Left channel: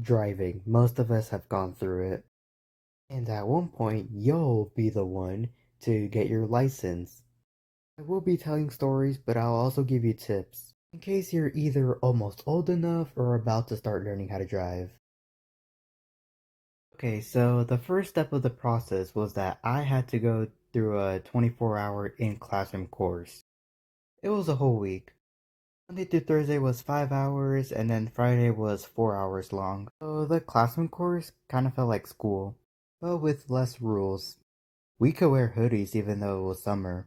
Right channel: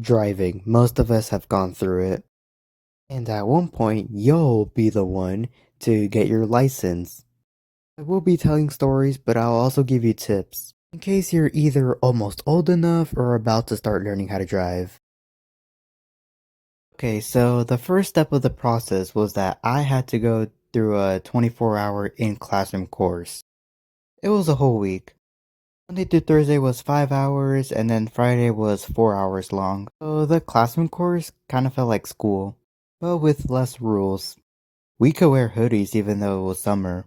Driving. Most of us have gone through it. And at one point, you'll be the one to get your license. I will be telling stories, but I'll also give you tips in case you're either almost old enough or about to start learning how to drive. Okay, so the first step of the process was that I had to go through a 24-hour in-classroom course. It was a whole week. Monday through Thursday was 5 hours, and then Friday was 4 hours long. So the classroom course kind of felt like school, but with less rules. We could wear hoodies even though it was summer.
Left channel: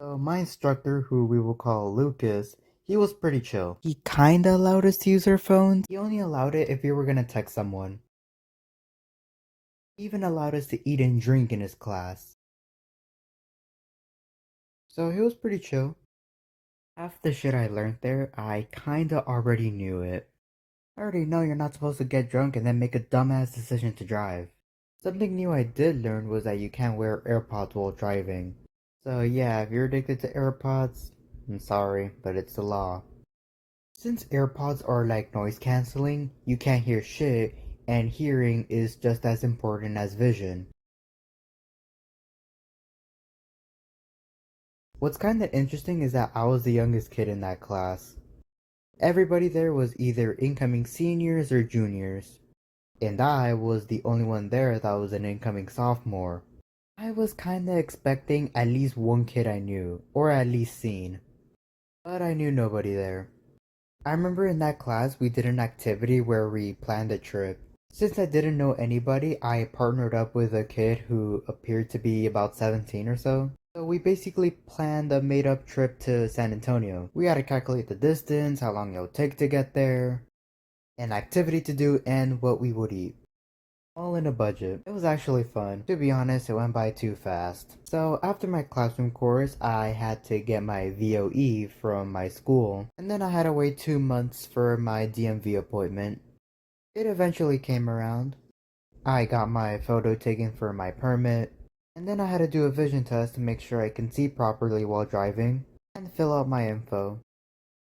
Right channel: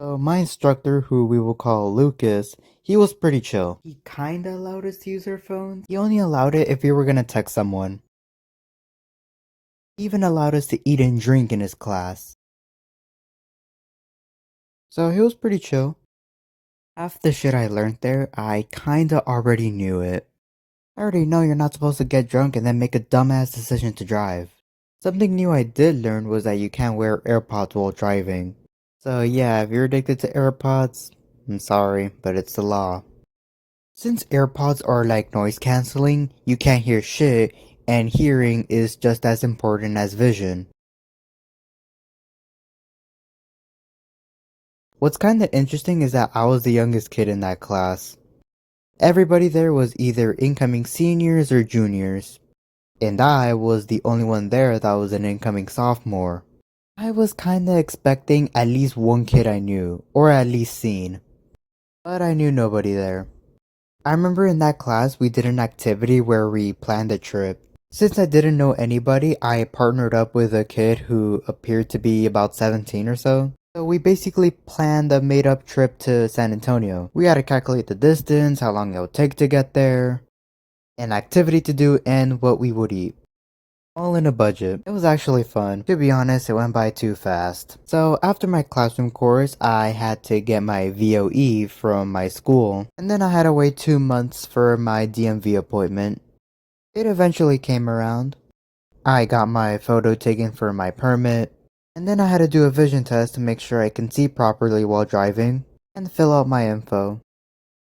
So my instructor, who we will call Lucas, he was pretty chill. He kinda allowed us to use our phones. He only allowed it if we were gonna text someone. He even allowed us to eat and drink in his class. So he was pretty chill. Half the shit I learned there, I kinda already knew it. I already know you're not supposed to get drunk and then make a dumbass decision to drive. Something new I did learn was that you can't wear AirPods while driving. So yeah, if you're addicted to AirPods, I'm sorry, but it's the law. Since AirPods are like noise canceling, you can't hear shit, and hearing is just as important as vision. What's kinda interesting is that I was the youngest kid in that class. Everybody there was either incoming seniors or juniors, and I was the only one there that was an incoming sophomore. I was kinda expecting at least one kid I knew, or at least seen, but I knew nobody there. I remember in that class we did an activity where we planned a trip. Since I didn't know anybody, I partnered up with a kid who appeared to be about 17 or so. So we basically planned a made up trip to San Antonio. We had to calculate the distance, how long it would take to get there, an activity to do, and what we would eat. All in a budget. It was actually fun. To be honest, it went by too fast. So after my classroom course, I had to get my VOE from my school, and then I had to wait 2 months for my DMV appointment. It eventually came around. I got my photo taken for my permit, and then I had to do a vision test to make sure I can see properly while driving, and fill out my info.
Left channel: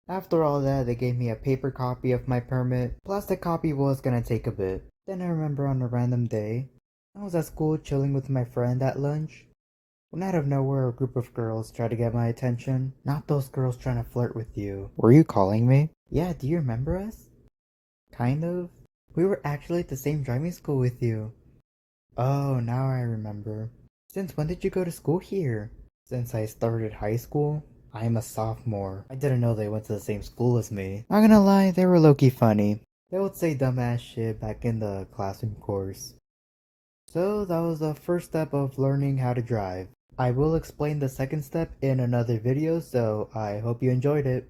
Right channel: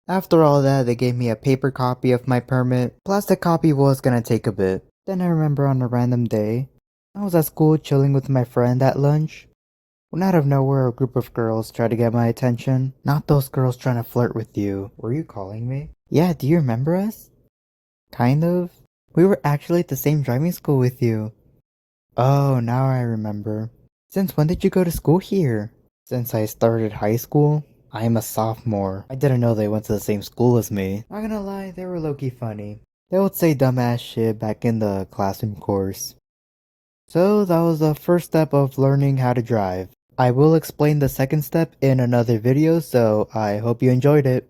After all that, they gave me a paper copy of my permit. Plastic copy was gonna take a bit. Then I remember on a random day, I was at school chilling with my friend at lunch, when out of nowhere a group of girls tried to get my attention. Not those girls trying to flirt with you. Were you calling me? Yeah, do you remember us? Kind of. We were actually at the same driving school with you. Oh, now I remember. Since when did you go to school here? Since I started high school. I am a sophomore. I didn't know they went to the same school as me. Not gonna lie, they were low-key funny. They would say dumbass shit back in the classroom course. So that was the first step of learning how to drive. I will explain the second step in another video, so I hope you enjoyed it.